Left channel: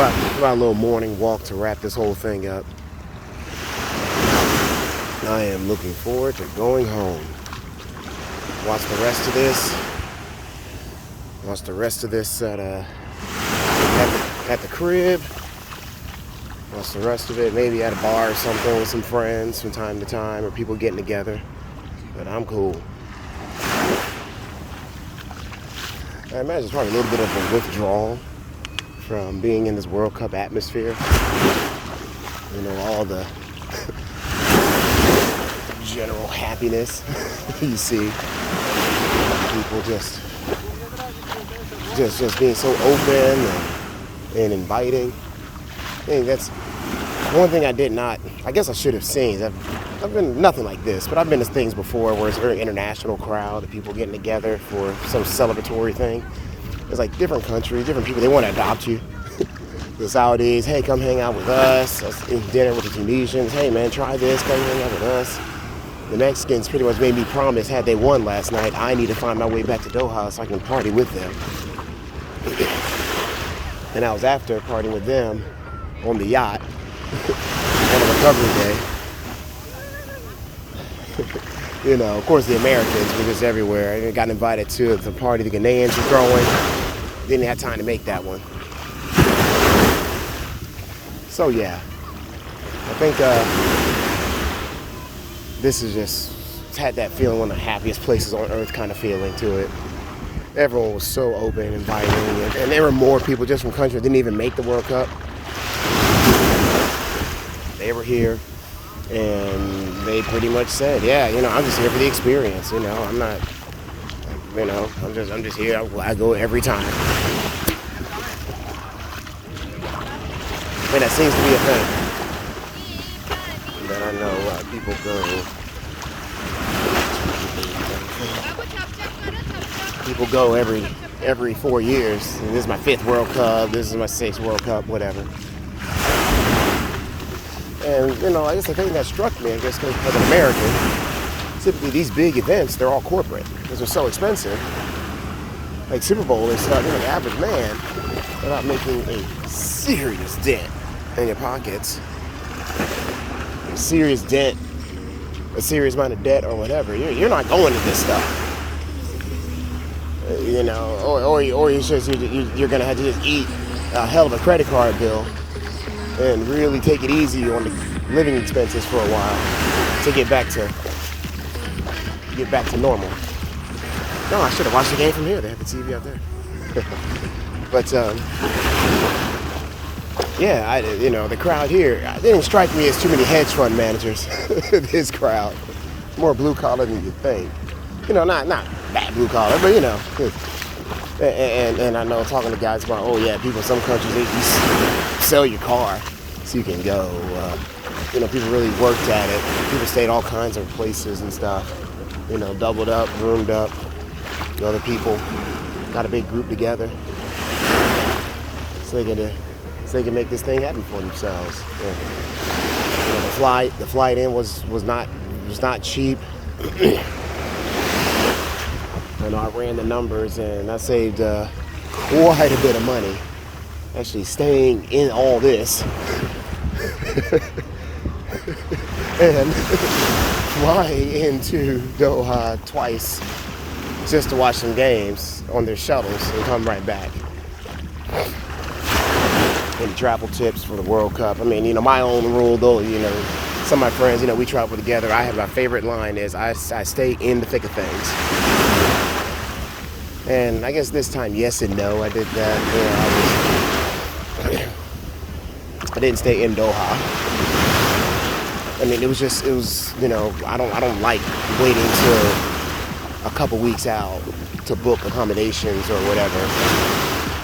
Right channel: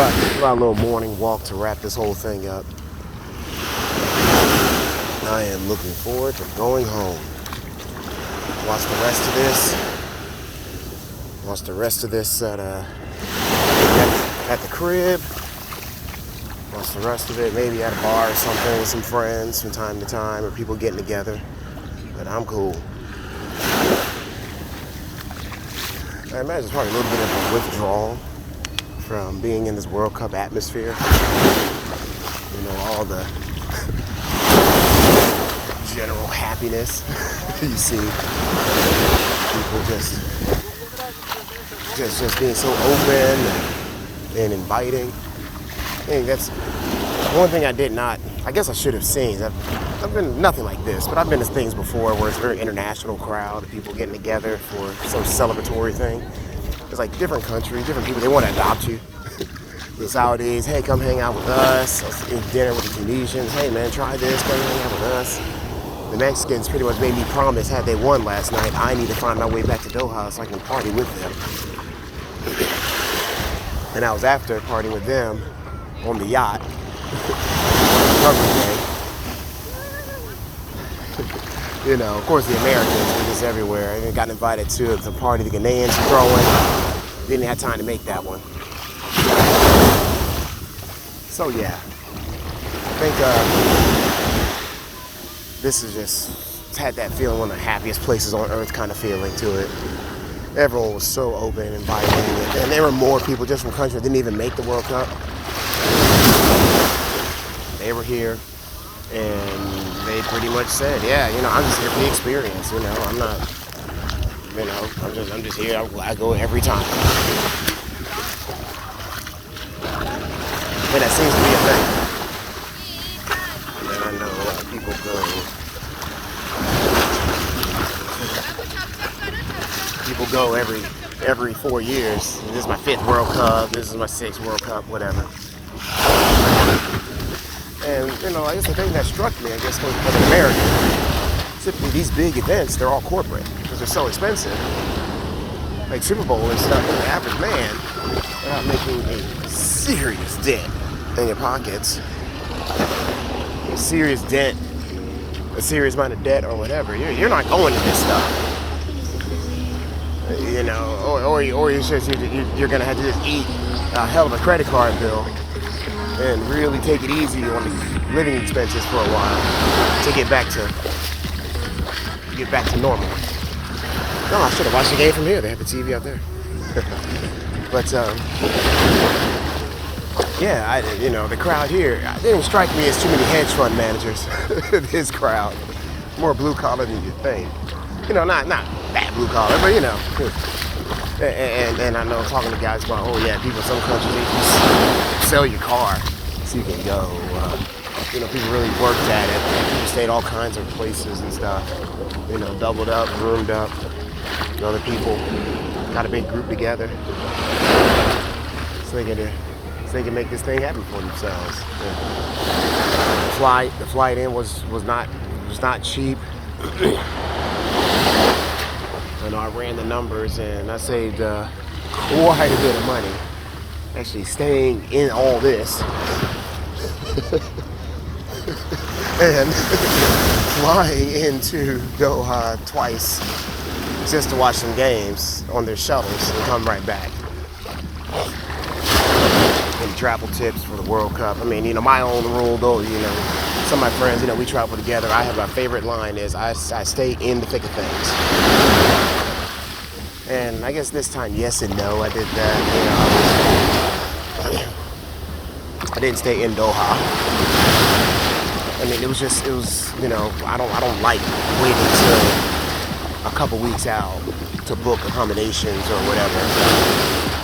about a little morning walk to wrap this whole thing up. I am looking forward to going home. Watch the rest of this. Watch the rest of this at the crib. Watch the rest of it maybe at a bar or something with some friends from time to time, or people getting together. But I'm cool. I imagine it's probably a little bit of a withdrawal from being in this World Cup atmosphere. You know, all the general happiness you see. People just being so open and inviting. I think that's one thing I did not, I guess I should have seen. I've been nothing like this, but I've been to things before where it's a very international crowd of people getting together for some celebratory thing. It's like different countries, different people, they want to adopt you. The Saudis, hey, come hang out with us. Eat dinner with the Tunisians, hey man, try this, come hang out with us. The Mexicans pretty much made me promise, had they won last night, I need to find my way back to Doha so I can party with them. And I was after partying with them on the yacht on recovery day. You know, of course the Americans were just everywhere. I got invited to the party the Ghanaians were throwing. Didn't have time to make that one. So yeah, I think this is just, it's had that feeling, one of the happiest places on earth kind of feeling to it. Everyone was so open and inviting, and there were more people just from countries that didn't even make the World Cup. They were here, and they pretty much said, yeah, you know, I'm just here for the experience, you know, I'm not, you know, I'm just here, I go every time. And that seems to be a thing. And I know a lot of people go every 4 years. And this is my 5th World Cup, this is my 6th World Cup, whatever. And, you know, I guess the thing that struck me, I guess, as an American, typically these big events, they're all corporate because they're so expensive. Like Super Bowl and stuff, the average man, they're not making a serious dent in their pockets. A serious dent, a serious amount of debt or whatever. You're not going to this stuff. You know, or you're going to have to just eat a hell of a credit card bill and really take it easy on the living expenses for a while to get back to normal. Oh, I should have watched the game from here. They have the TV out there. But yeah, you know, the crowd here, it didn't strike me as too many hedge fund managers. This crowd, more blue collar than you think. You know, not bad blue collar, but you know. And I know talking to guys about, oh yeah, people in some countries, they just sell your car so you can go. You know, people really worked at it. People stayed all kinds of places and stuff. You know, doubled up, roomed up. Other people got a big group together so they can make this thing happen for themselves. Yeah. The flight in was not cheap. And I ran the numbers and I saved quite a bit of money actually staying in all this and flying into Doha twice just to watch some games on their shuttles and come right back. And travel tips for the World Cup. I mean, you know, my own rule though, you know, some of my friends, you know, we travel together. I have my favorite line is I stay in the thick of things. And I guess this time, yes and no, I did that. You know, I didn't stay in Doha. I mean, it was, you know, I don't like waiting till a couple weeks out to book accommodations or whatever.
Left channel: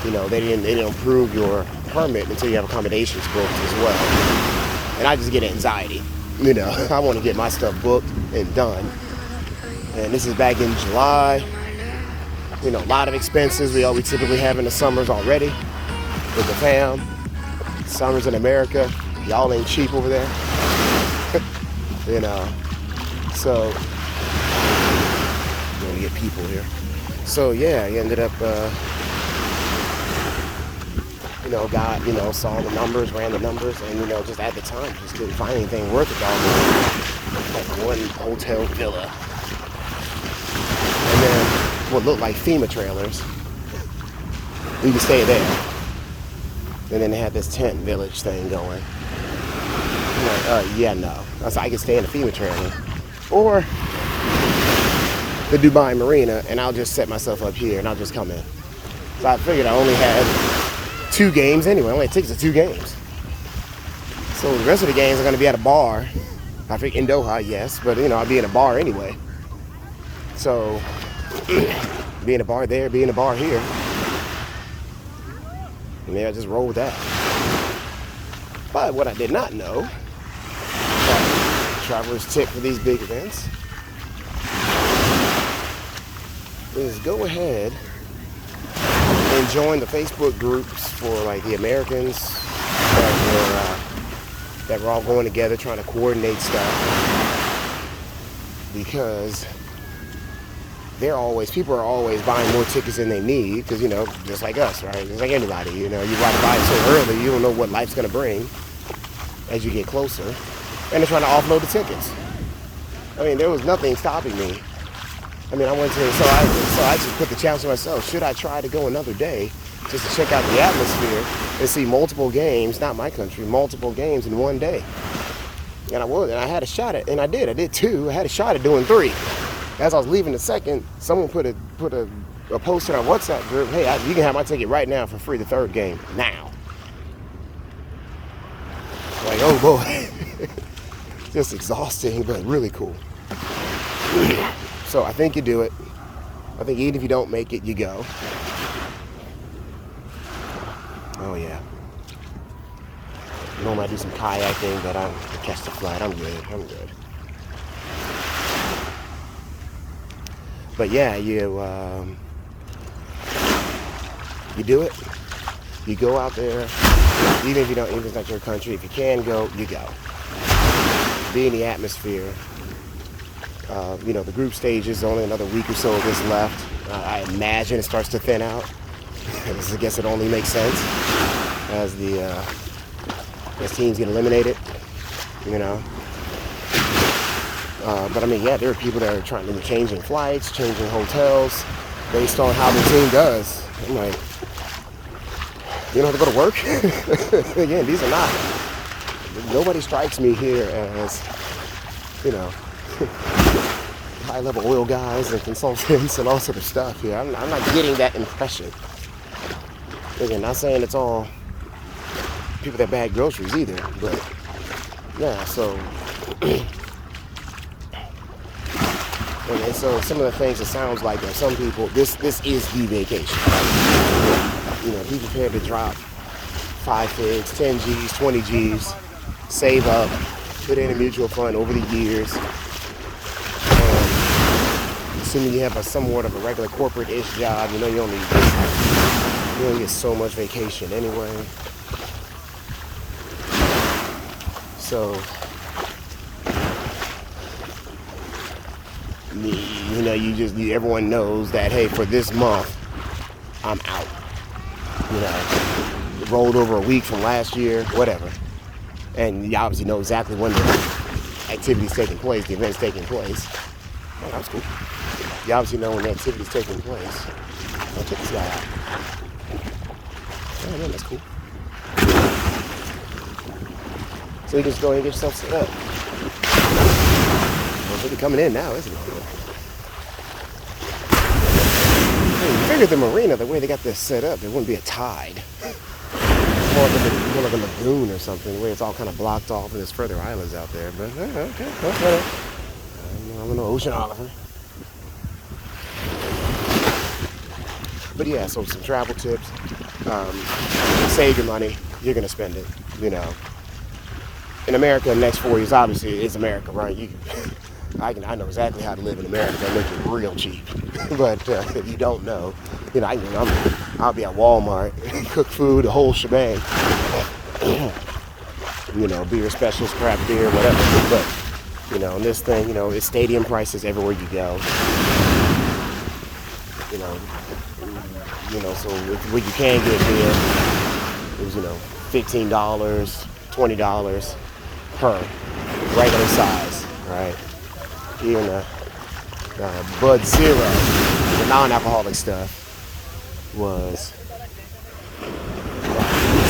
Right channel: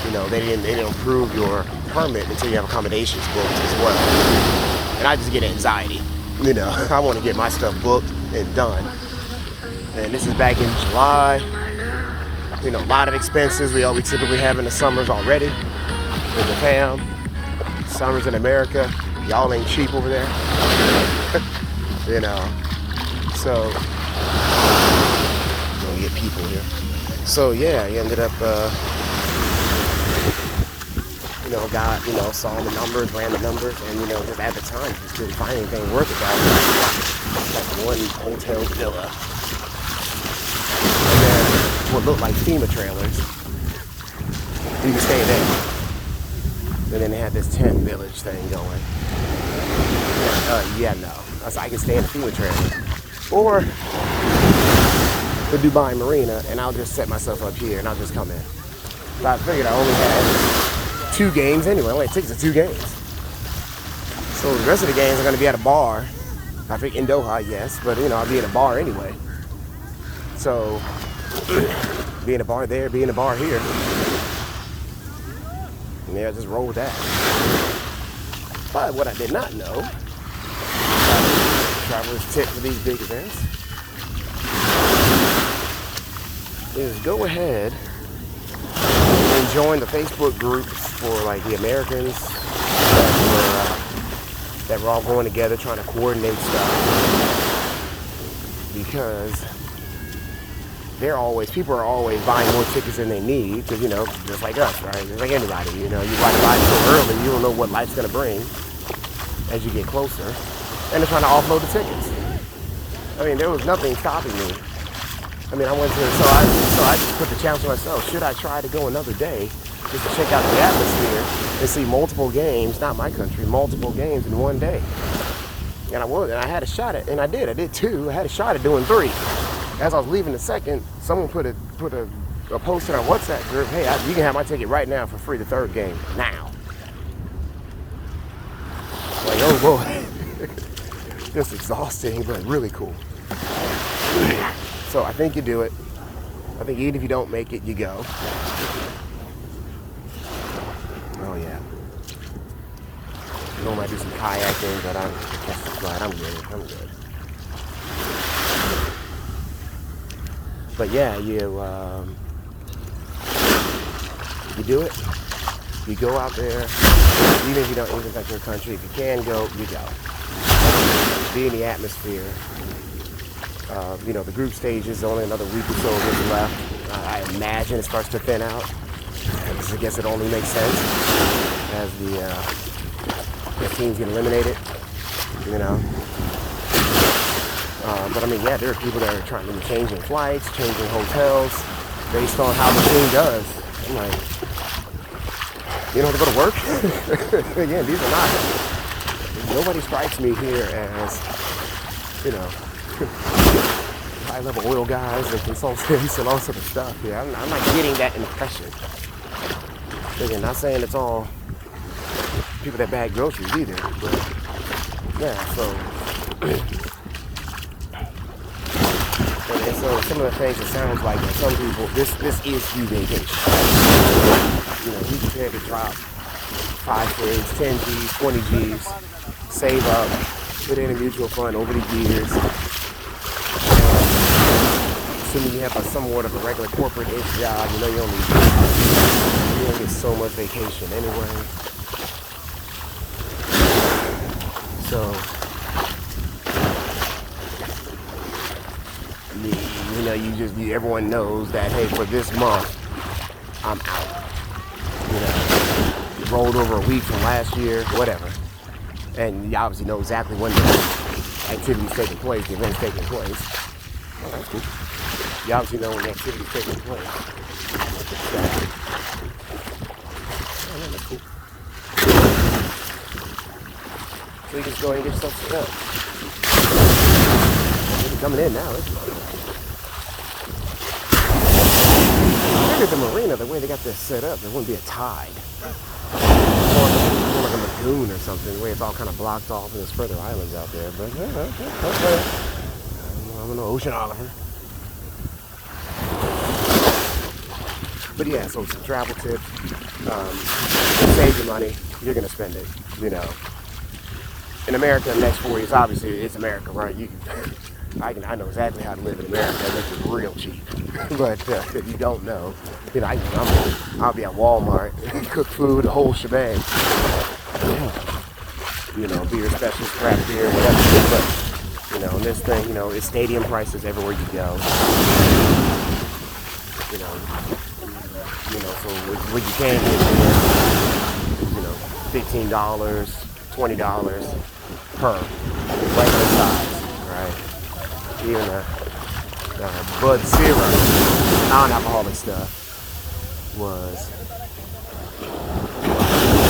You know, they didn't approve your permit until you have accommodations booked as well. And I just get anxiety. You know, I want to get my stuff booked and done. And this is back in July. You know, a lot of expenses we typically have in the summers already with the fam. Summers in America, y'all ain't cheap over there. You know, so gonna get people here. So yeah, I ended up got, saw the numbers, ran the numbers, and, just at the time, just couldn't find anything worth it. All like one hotel villa. And then what looked like FEMA trailers. We could stay there. And then they had this tent village thing going. Yeah, no. I was like, I can stay in a FEMA trailer. Or the Dubai Marina, and I'll just set myself up here, and I'll just come in. So I figured I only had 2 games anyway. I only had tickets to 2 games. So the rest of the games are going to be at a bar. I think in Doha, yes, but I'll be in a bar anyway. So be in a bar there, be in a bar here. And yeah, I just roll with that. But what I did not know, travelers tip for these big events, is go ahead and join the Facebook groups for like the Americans that we're all going together trying to coordinate stuff, because people are always buying more tickets than they need, because just like us, right? Just like anybody, you got to buy it so early, you don't know what life's going to bring as you get closer, and they're trying to offload the tickets. I mean, there was nothing stopping me. I mean, I went to, so I just put the challenge to myself, should I try to go another day just to check out the atmosphere and see multiple games, not my country, multiple games in one day? And I would, and I had a shot at, and I did 2. I had a shot at doing 3. As I was leaving the second, someone put a post in our WhatsApp group, hey, you can have my ticket right now for free, the 3rd game, now. Like, oh boy. Just exhausting, but really cool. So I think you do it. I think even if you don't make it, you go. Oh yeah. I might do some kayaking, but I'll catch the flight. I'm good. But yeah, you do it. You go out there, even if it's not your country. If you can go, you go. Be in the atmosphere. The group stage is only another week or so of this left. I imagine it starts to thin out. I guess it only makes sense as teams get eliminated. But I mean, yeah, there are people that are trying to changing flights, changing hotels based on how the team does. I'm like, you don't have to go to work? Again, these are not. Nobody strikes me here as, high-level oil guys and consultants and all sort of stuff here. I'm not getting that impression. Again, not saying it's all people that bag groceries either, but yeah, so and so some of the things, it sounds like that some people, this is the vacation. Be prepared to drop 5 figs, 10 G's, 20 G's, save up, put in a mutual fund over the years. Assuming you have somewhat of a regular corporate-ish job, you only get so much vacation anyway. So, everyone knows that, hey, for this month, I'm out. It rolled over a week from last year, whatever. And you obviously know exactly when the activity's taking place, the event's taking place. Oh, that's good. You obviously know when the activity's taking place. Check this out. Oh, yeah, that's cool. So you just go ahead and get yourself set up. It's really coming in now, isn't it? I figured the marina, the way they got this set up, there wouldn't be a tide. More like a lagoon or something, where it's all kind of blocked off and there's further islands out there. But, okay. I'm an oceanographer. But yeah, so some travel tips. Save your money. You're going to spend it, In America, the next 4 years, obviously, it's America, right? I know exactly how to live in America. I make it real cheap. But if you don't know, I'll be at Walmart, cook food, the whole shebang. Beer specials, craft beer, whatever. And this thing, it's stadium prices everywhere you go. So what you can get here $15, $20 per regular size, right? Even a Bud Zero, non-alcoholic stuff, was $6,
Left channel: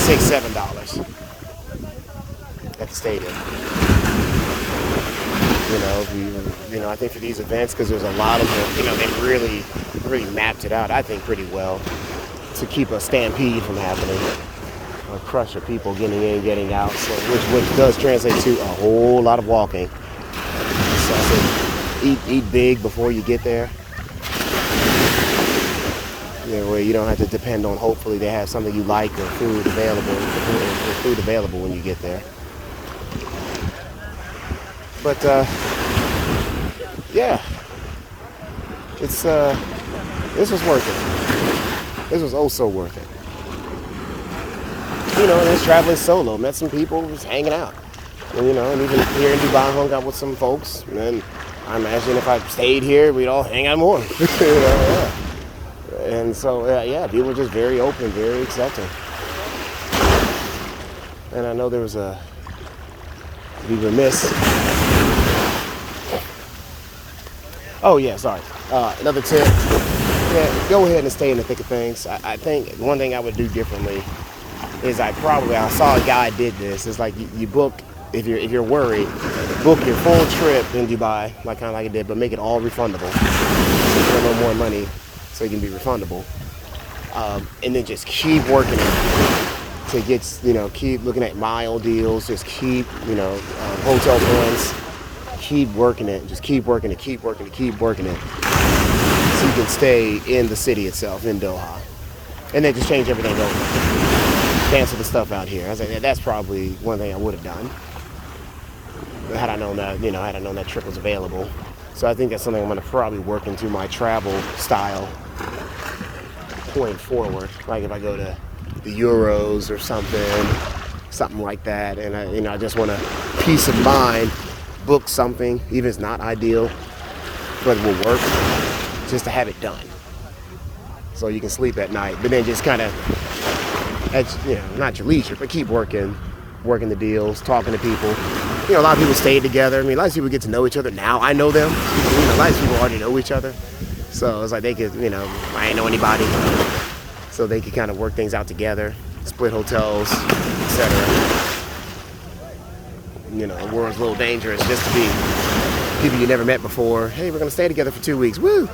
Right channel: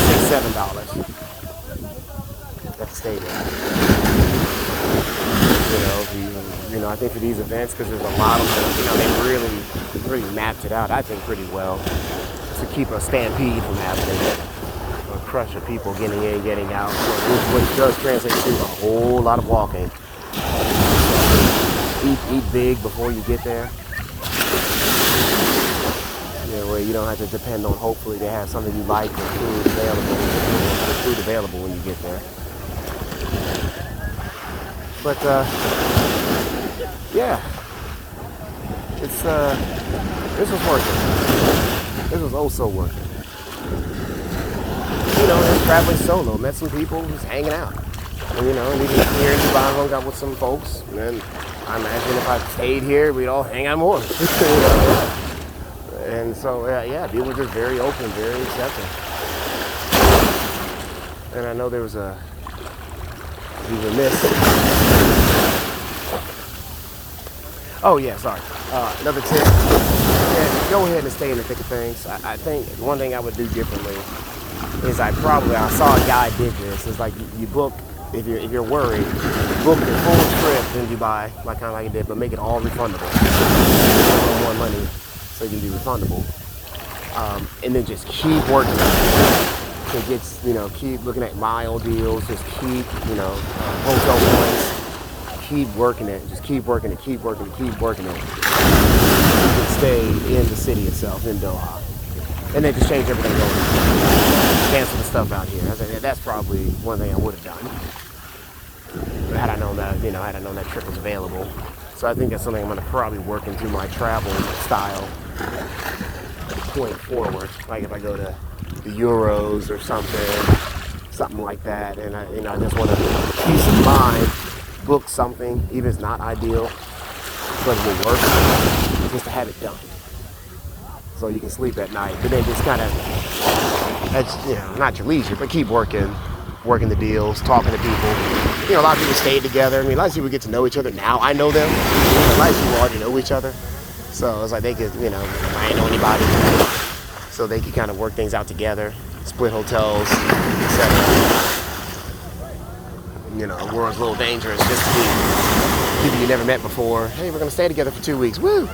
$7 at the stadium. I think for these events, because there's a lot of them, they really mapped it out, I think, pretty well to keep a stampede from happening, a crush of people getting in, getting out, so, which does translate to a whole lot of walking. So eat big before you get there. Where you don't have to depend on, hopefully they have something you like or food available when you get there. But yeah, it's this was worth it. This was also worth it. Just traveling solo, met some people, just hanging out. And even here in Dubai, hung out with some folks. And I imagine if I stayed here, we'd all hang out more. And so, people were just very open, very accepting. And I know there was be remiss. Oh, yeah, sorry. Another tip. Yeah, go ahead and stay in the thick of things. I think one thing I would do differently is I saw a guy did this. It's like you book, if you're worried, book your full trip in Dubai, like kind of like I did, but make it all refundable. A little more money so it can be refundable. And then just keep working it to get, keep looking at mile deals, just keep, hotel runs, keep working it, just keep working it, keep working it, keep working it. So you can stay in the city itself, in Doha. And then just change everything over. Cancel the stuff out here. That's probably one thing I would have done. Had I known that trip was available. So I think that's something I'm going to probably work into my travel style going forward. Like if I go to the Euros or something like that, and I just want a peace of mind, book something, even if it's not ideal, but it will work, just to have it done. So you can sleep at night, but then just kind of, not your leisure, but keep working the deals, talking to people. A lot of people stay together. A lot of people get to know each other now. I know them. A lot of people already know each other. So it's like they could, I ain't know anybody. So they could kind of work things out together, split hotels, etc. The world's a little dangerous just to be people you never met before. Hey, we're going to stay together for 2 weeks. Woo!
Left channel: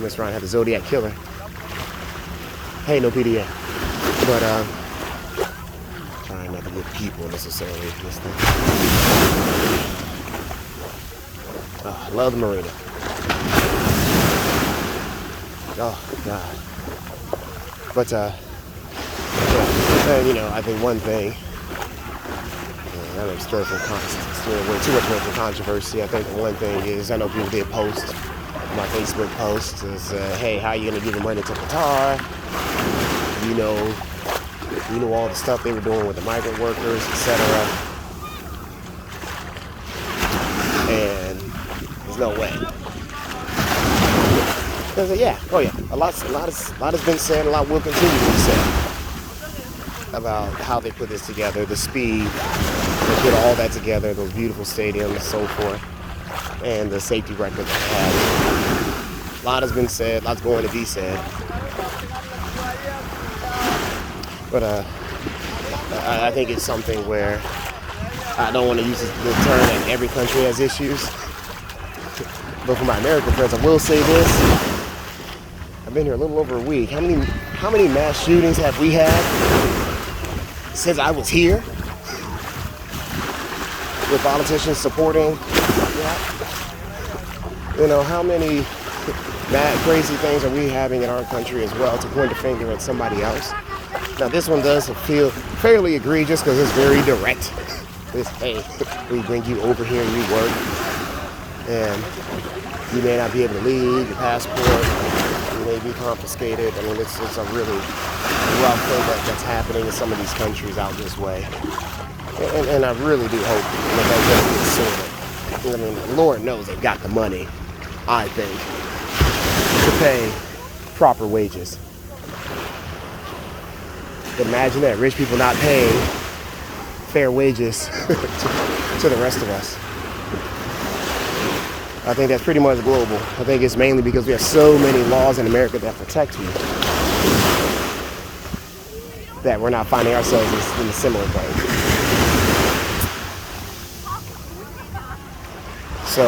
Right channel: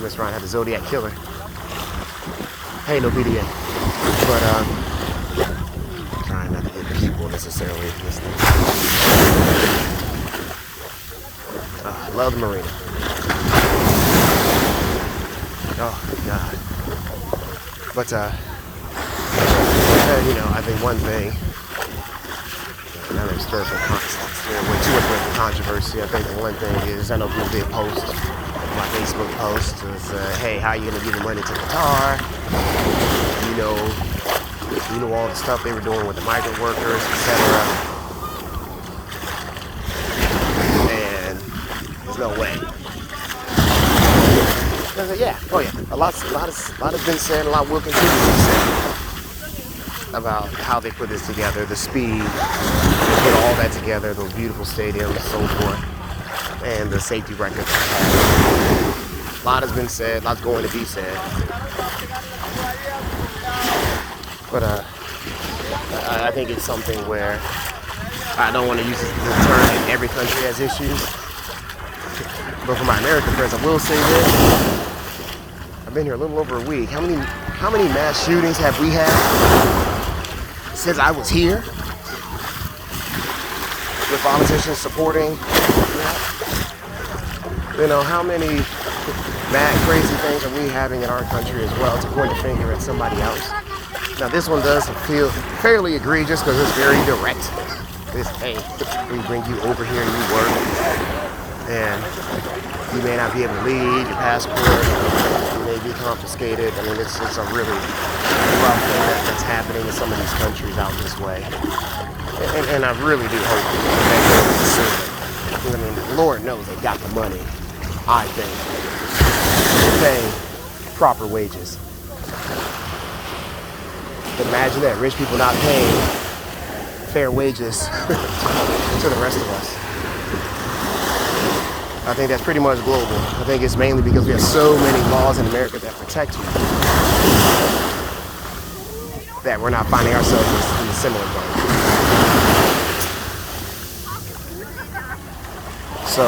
Mess around, have the Zodiac Killer. Hey, no PDA. But, trying not to get people necessarily. I love the Marina. Oh, God. But, I think one thing, another historical context, way too much controversy. I think the one thing is, I know people did post, my Facebook post is, hey, how are you going to give the money to Qatar? You know all the stuff they were doing with the migrant workers, etc. And there's no way. A lot has been said, a lot will continue to be said about how they put this together, the speed, they put all that together, those beautiful stadiums and so forth, and the safety record. A lot has been said, lots going to be said. But I think it's something where I don't want to use the term that every country has issues. But for my American friends, I will say this. I've been here a little over a week. How many mass shootings have we had since I was here? With politicians supporting, how many mad, crazy things are we having in our country as well to point the finger at somebody else? Now this one does feel fairly egregious because it's very direct. It's, hey, we bring you over here, you work, and you may not be able to leave, your passport, you may be confiscated. It's a really rough thing that's happening in some of these countries out this way. And I really do hope that they go it. Lord knows they've got the money, I think, to pay proper wages. But imagine that, rich people not paying fair wages to the rest of us. I think that's pretty much global. I think it's mainly because we have so many laws in America that protect you that we're not finding ourselves in a similar boat. So,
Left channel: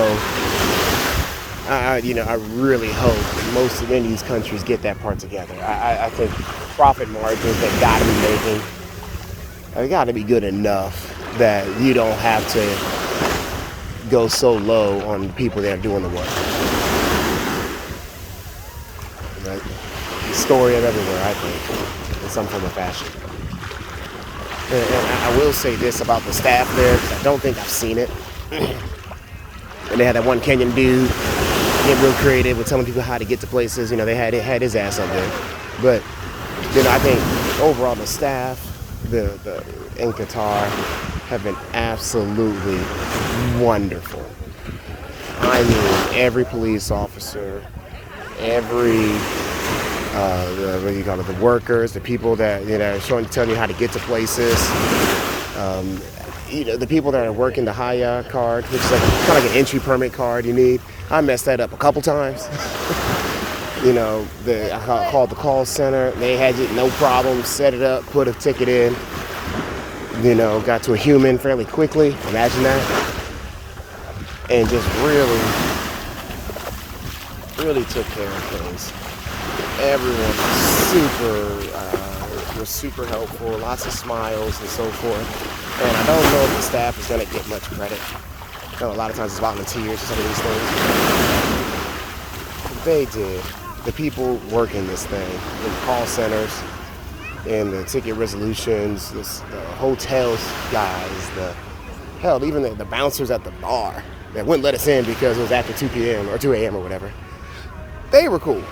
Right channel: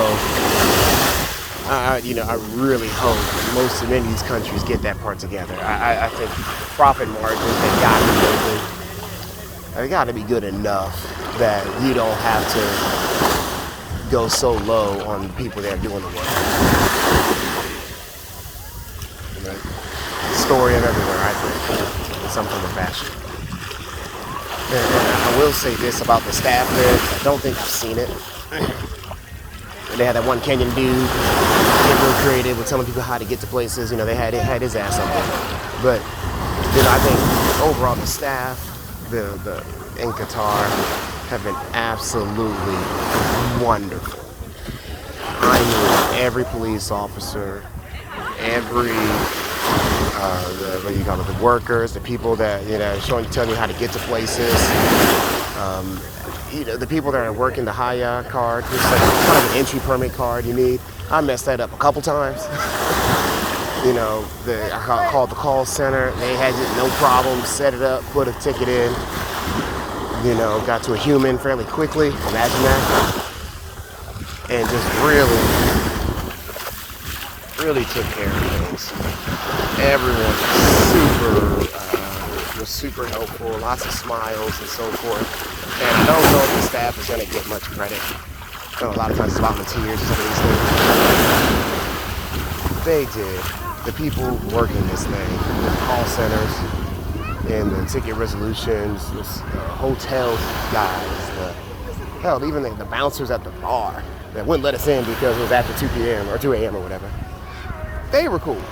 I really hope most of these countries get that part together. I think profit margins they got to be making, they got to be good enough that you don't have to go so low on the people that are doing the work. Right? The story of everywhere, I think, in some form of fashion. And I will say this about the staff there. I don't think I've seen it. And they had that one Kenyan dude get real creative with telling people how to get to places. They had his ass up there. But I think overall the staff, the in Qatar have been absolutely wonderful. I mean, every police officer, every the workers, the people that telling you how to get to places. The people that are working the Haya card, which is kind of like an entry permit card you need. I messed that up a couple times. I called the call center. They had it, no problem. Set it up, put a ticket in. Got to a human fairly quickly. Imagine that. And just really took care of things. Everyone was super helpful. Lots of smiles and so forth. And I don't know if the staff is going to get much credit. A lot of times it's volunteers, some of these things. They did. The people working this thing, the call centers, and the ticket resolutions, the hotels guys, even the bouncers at the bar that wouldn't let us in because it was after 2 p.m. or 2 a.m. or whatever. They were cool.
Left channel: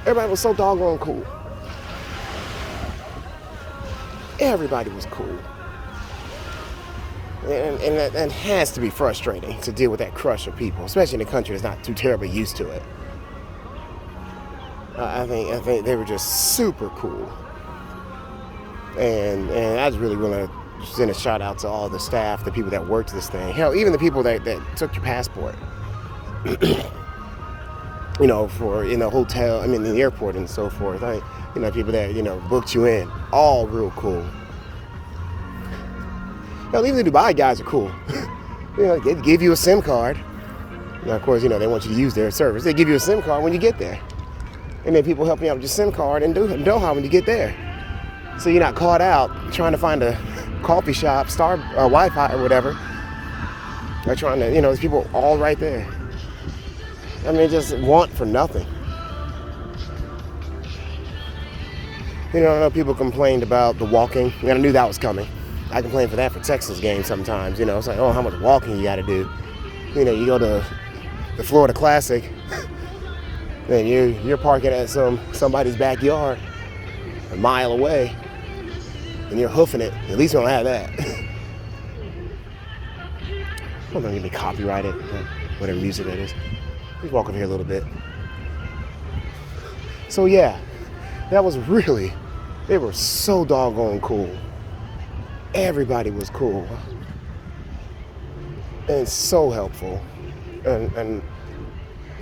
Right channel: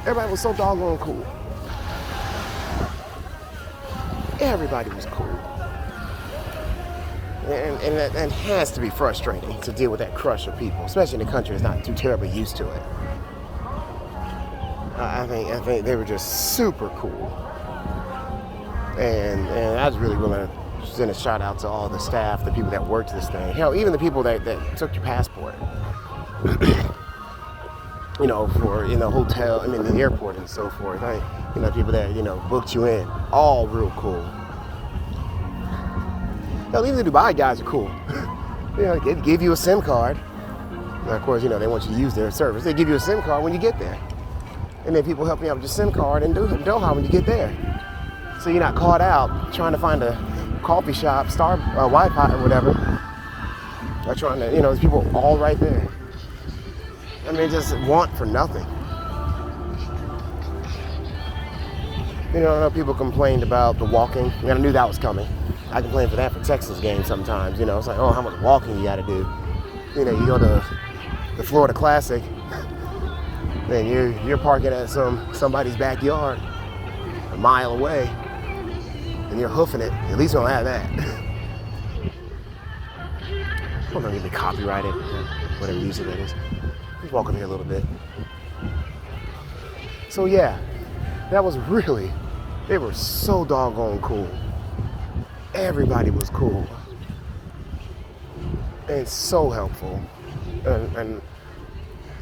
Everybody was so doggone cool. Everybody was cool. And that has to be frustrating to deal with that crush of people, especially in a country that's not too terribly used to it. I think they were just super cool. And I just really want to send a shout out to all the staff, the people that worked this thing. Hell, even the people that took your passport. For hotel, the airport and so forth. People that booked you in, all real cool. Hell, even the Dubai guys are cool. They give you a SIM card. Now, of course, they want you to use their service. They give you a SIM card when you get there, and then people help you out with your SIM card in Doha when you get there. So you're not caught out trying to find a coffee shop, Wi-Fi or whatever. Or trying to, there's people all right there. Just want for nothing. I know people complained about the walking. I knew that was coming. I complain for that for Texas games sometimes. It's like, oh, how much walking you got to do. You go to the Florida Classic, and you're parking at somebody's backyard, a mile away, and you're hoofing it. At least we don't have that. I'm gonna get me copyrighted, whatever music that is. Let's walk over here a little bit. So yeah, that was they were so doggone cool. Everybody was cool and so helpful. And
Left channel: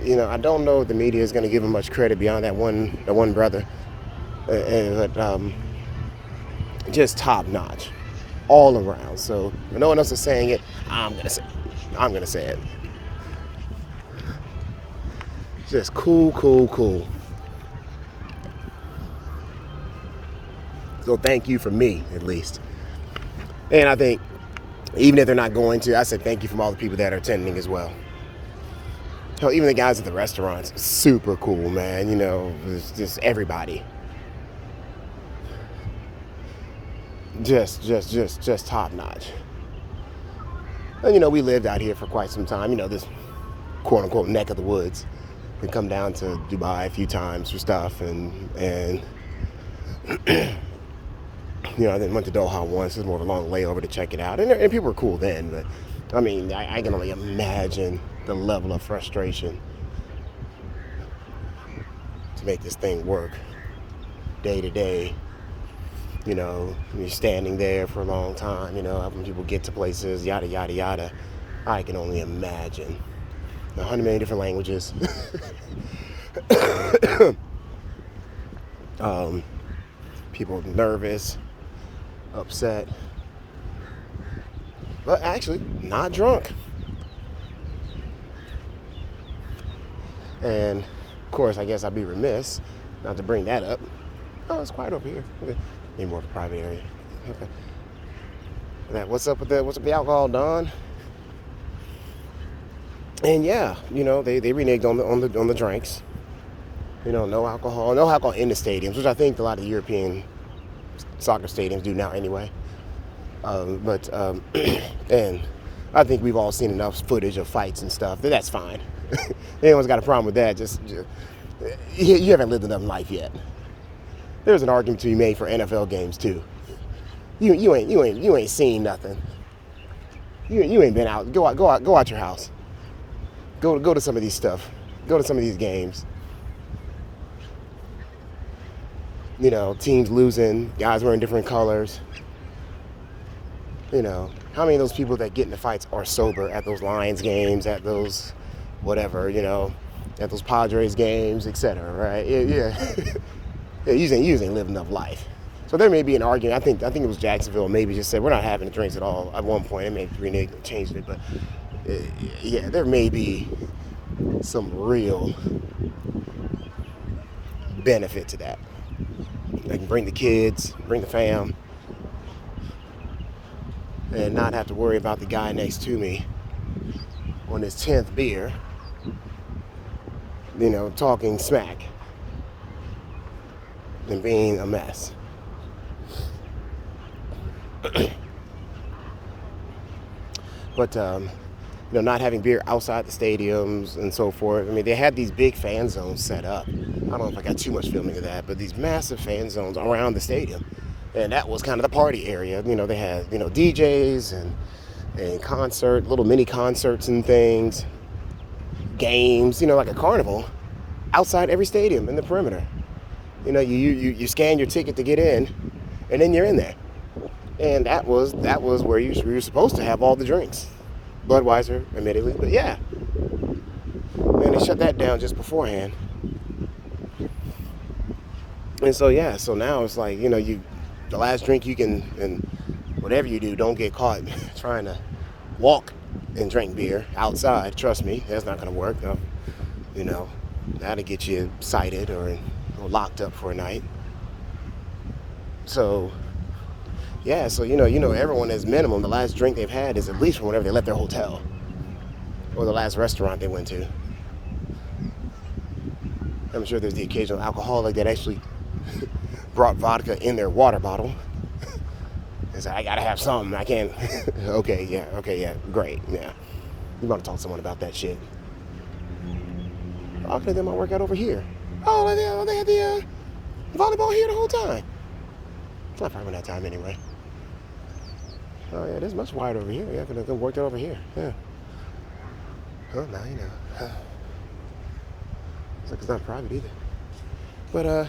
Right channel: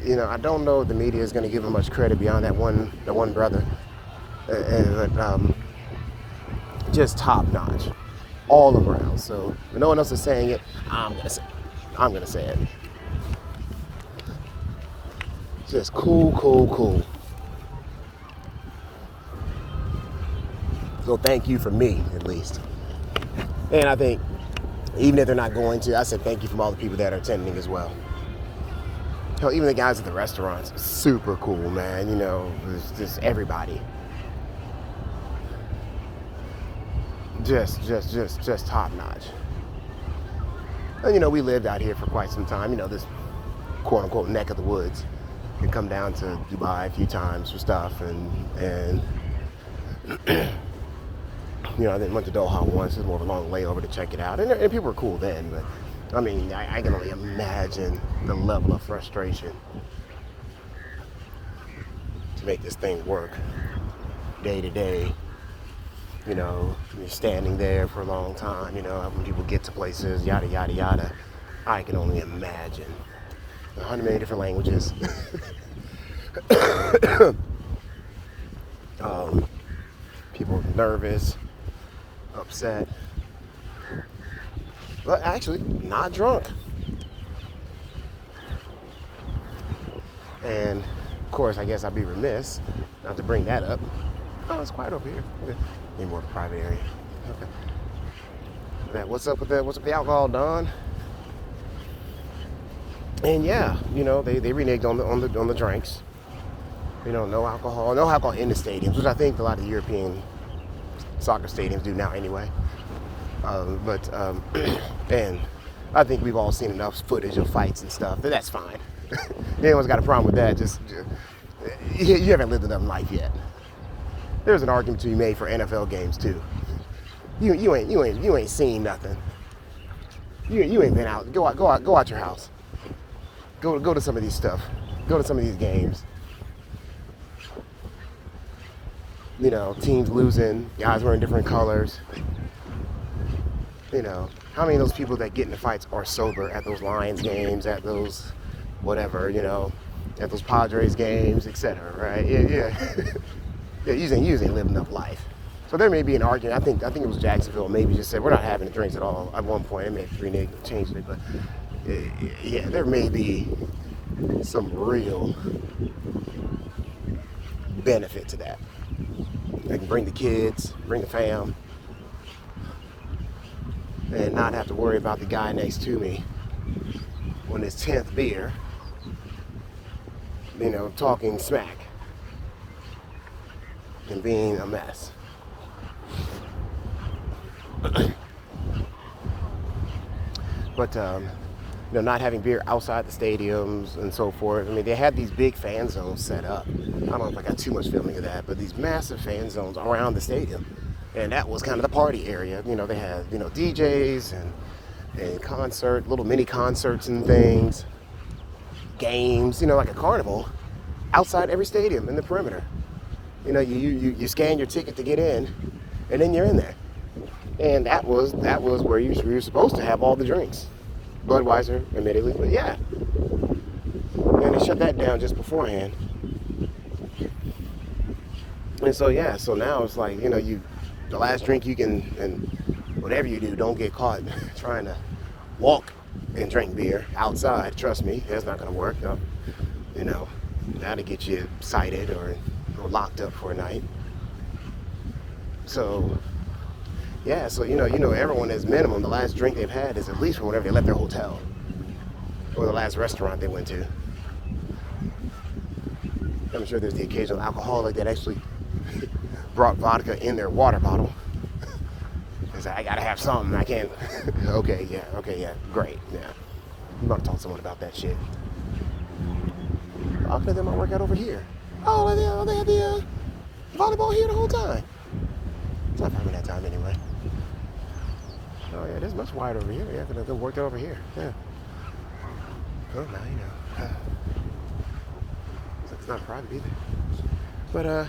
I don't know if the media is going to give him much credit beyond that one brother. But just top notch, all around. So if no one else is saying it, I'm gonna say it. Just cool. So thank you from me, at least. And I think, even if they're not going to, I said thank you from all the people that are attending as well. Even the guys at the restaurants, super cool, man. It's just everybody. Just top notch. And we lived out here for quite some time. This quote unquote neck of the woods. We come down to Dubai a few times for stuff, and I then went to Doha once. It was more of a long layover to check it out, and people were cool then. But I can only imagine the level of frustration to make this thing work. day to day. You know, you're standing there for a long time, you know, when people get to places, yada, yada, yada. I can only imagine. 100 million different languages. People nervous, upset. But actually, not drunk. And, of course, I guess I'd be remiss not to bring that up. Oh, it's quiet over here. Okay. Need more private area. Okay. What's up with the alcohol, Don? And yeah, you know, they reneged on the drinks. You know, no alcohol in the stadiums, which I think a lot of European soccer stadiums do now anyway. And I think we've all seen enough footage of fights and stuff that's fine. Anyone's got a problem with that? Just you haven't lived enough life yet. There's an argument to be made for NFL games too. You ain't seen nothing. You ain't been out. Go out your house. Go to some of these stuff. Go to some of these games. You know, teams losing, guys wearing different colors. You know, how many of those people that get into fights are sober at those Lions games, at those whatever, you know, at those Padres games, etc. Right? Yeah. Yeah, you ain't living enough life. So there may be an argument. I think it was Jacksonville maybe just said we're not having the drinks at all at one point. It may have changed it, but yeah, there may be some real benefit to that. I can bring the kids, bring the fam, and not have to worry about the guy next to me on his 10th beer, you know, talking smack and being a mess. But you know, not having beer outside the stadiums and so forth. I mean, they had these big fan zones set up. I don't know if I got too much filming of that, but these massive fan zones around the stadium, and that was kind of the party area. You know, they had, you know, DJs and little mini concerts and things, games. You know, like a carnival outside every stadium in the perimeter. You know, you scan your ticket to get in, and then you're in there. And that was where you were supposed to have all the drinks. Budweiser, admittedly, but yeah. And they shut that down just beforehand. And so yeah, so now it's like, you know, the last drink you can, and whatever you do, don't get caught trying to walk and drink beer outside. Trust me, that's not gonna work. You know, that'll get you cited or locked up for a night. So yeah, so you know, everyone is minimum. The last drink they've had is at least from whenever they left their hotel or the last restaurant they went to. I'm sure there's the occasional alcoholic that actually brought vodka in their water bottle. It's like, I gotta have something. I can't. Okay, yeah, great, yeah. We want to talk to someone about that shit. I'll play them my workout over here. Oh, they had the volleyball here the whole time. It's not probably that time anyway. Oh yeah, there's much wider over here. Yeah, they worked it over here. Yeah. Well, now you know. It's like it's not private either. But yeah,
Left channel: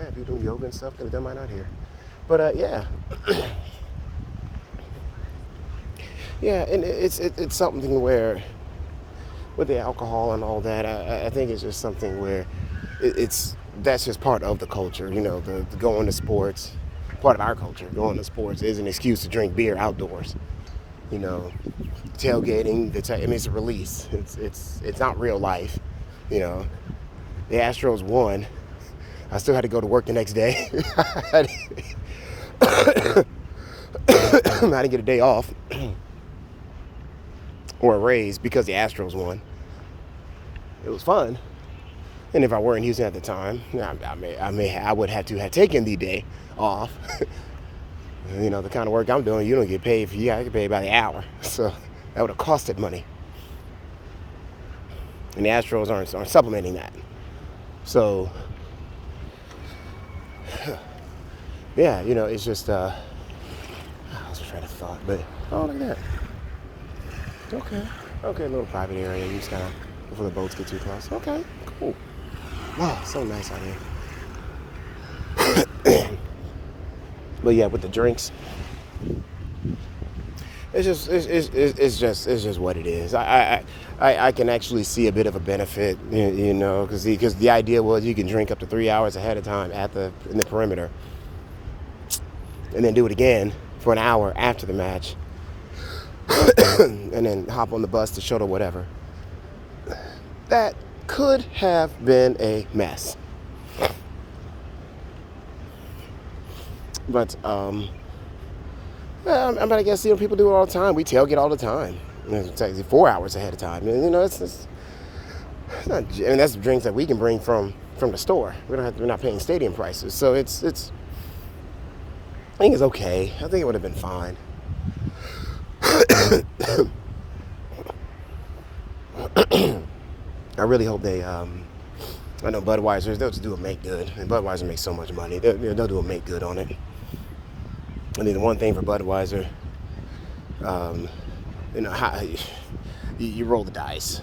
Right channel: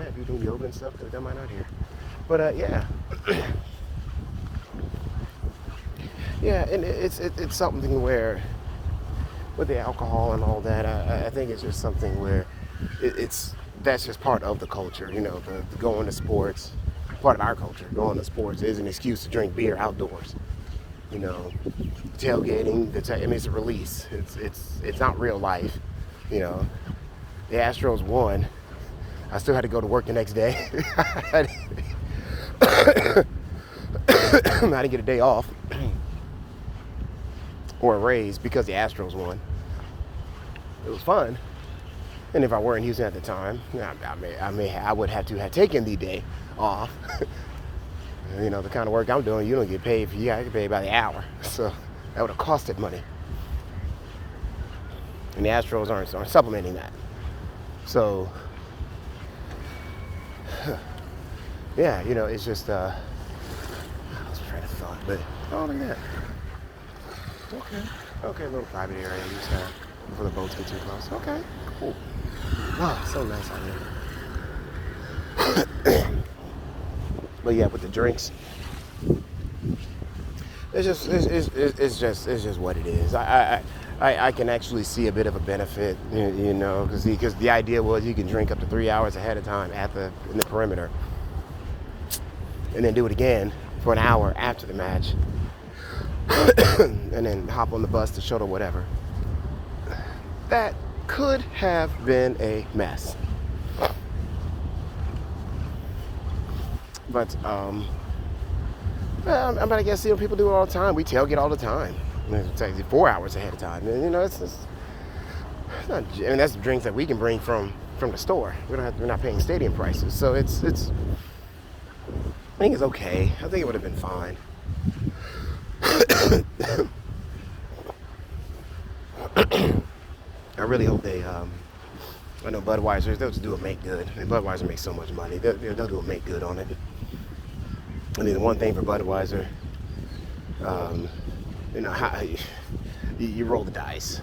if you're doing yoga and stuff, could have done mine out here. But yeah. Yeah, and it's something where with the alcohol and all that, I think it's just something where that's just part of the culture, you know, the going to sports. Part of our culture, going to sports is an excuse to drink beer outdoors. You know, tailgating. I mean, it's a release. It's not real life. You know, the Astros won. I still had to go to work the next day. I didn't get a day off or a raise because the Astros won. It was fun. And if I were in Houston at the time, I would have to have taken the day off. You know, the kind of work I'm doing, you don't get paid for. I get paid by the hour, so that would have costed money. And the Astros aren't supplementing that. So, yeah, you know, it's just I was trying to thought, but oh, look at that. Okay, a little private area you just have before the boats get too close. Okay, cool. Wow, so nice out here. But yeah, with the drinks, it's just what it is. I can actually see a bit of a benefit, you know, because the idea was you can drink up to 3 hours ahead of time in the perimeter, and then do it again for an hour after the match, and then hop on the bus to show to whatever. That could have been a mess. But but I guess, you know, people do it all the time. We tailgate all the time. It's like 4 hours ahead of time. And, you know, it's not, and that's drinks that we can bring from the store. We're not paying stadium prices, so it's. I think it's okay. I think it would have been fine. I really hope they. I know Budweiser. They'll just do a make good. I mean, Budweiser makes so much money. They'll do a make good on it. I mean, the one thing for Budweiser, you know, you roll the dice.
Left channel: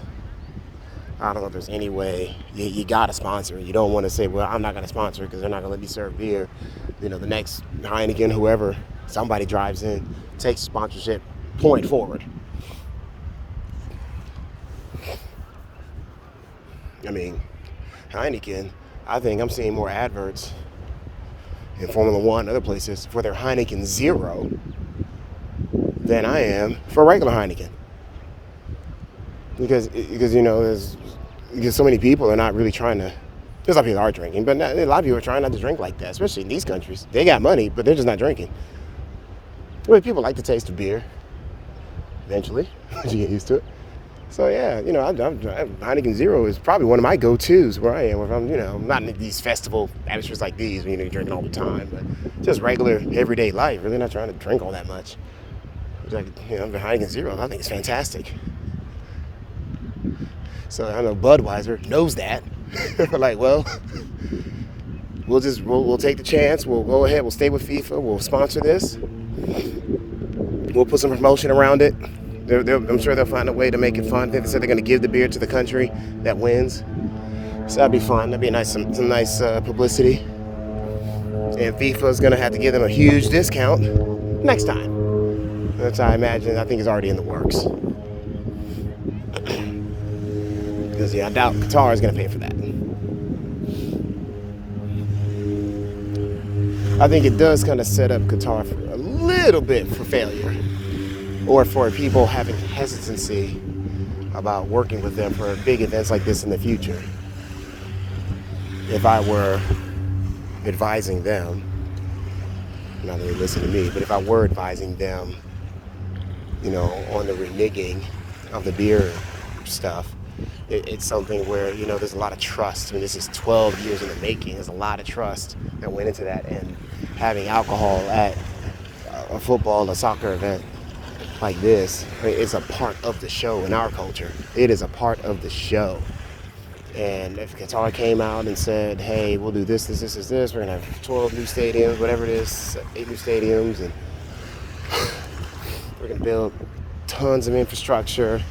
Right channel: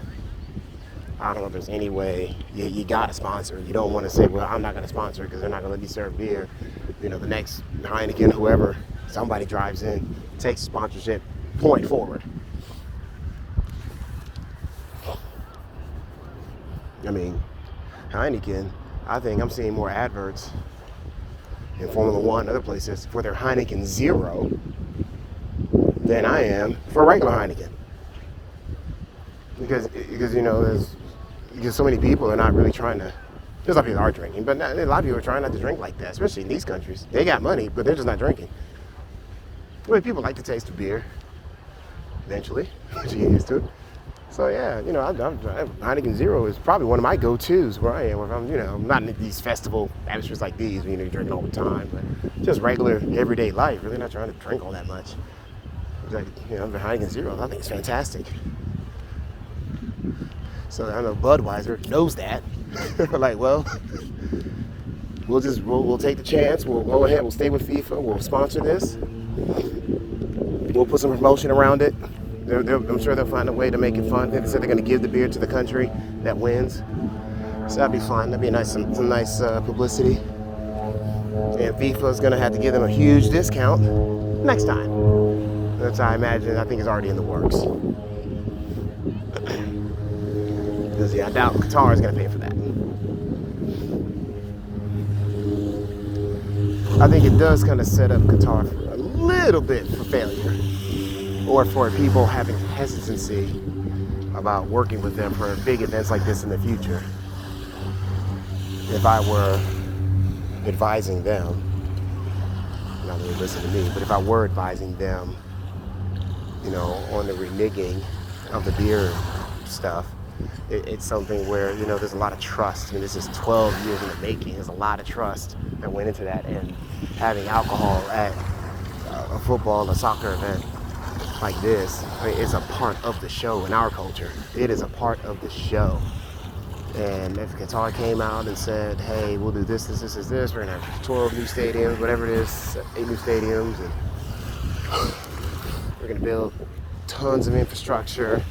I don't know if there's any way you got to sponsor. You don't want to say, well, I'm not going to sponsor because they're not going to let me serve beer. You know, the next Heineken, whoever, somebody drives in, takes sponsorship, point forward. I mean, Heineken, I think I'm seeing more adverts in Formula One, other places, for their Heineken Zero than I am for regular Heineken. Because you know, because so many people are not really trying to. There's a lot of people are drinking, but a lot of people are trying not to drink like that, especially in these countries. They got money, but they're just not drinking. I mean, people like the taste of beer. Eventually, once you get used to it. So yeah, you know, Heineken Zero is probably one of my go-tos where I am. If I'm, you know, not in these festival atmospheres like these, where, you know, you're drinking all the time, but just regular everyday life. Really not trying to drink all that much. Like, you know, the Heineken Zero, I think it's fantastic. So I know Budweiser knows that. We're like, well, we'll take the chance. We'll go ahead. We'll stay with FIFA. We'll sponsor this. We'll put some promotion around it. I'm sure they'll find a way to make it fun. They said they're going to give the beer to the country that wins. So that'd be fun. That'd be some nice publicity. And FIFA is going to have to give them a huge discount next time. That's how I imagine. I think it's already in the works. Because yeah, I doubt Qatar is going to pay for that. I think it does kind of set up Qatar for a little bit for failure, or for people having hesitancy about working with them for big events like this in the future. If I were advising them, not really listen to me, but if I were advising them, you know, on the reneging of the beer stuff, it's something where, you know, there's a lot of trust. I mean, this is 12 years in the making. There's a lot of trust that went into that, and having alcohol at a football, a soccer event like this, I mean, it's a part of the show in our culture. It is a part of the show. And if Qatar came out and said, hey, we'll do this, we're gonna have 12 new stadiums, whatever it is, 8 new stadiums, and we're gonna build tons of infrastructure,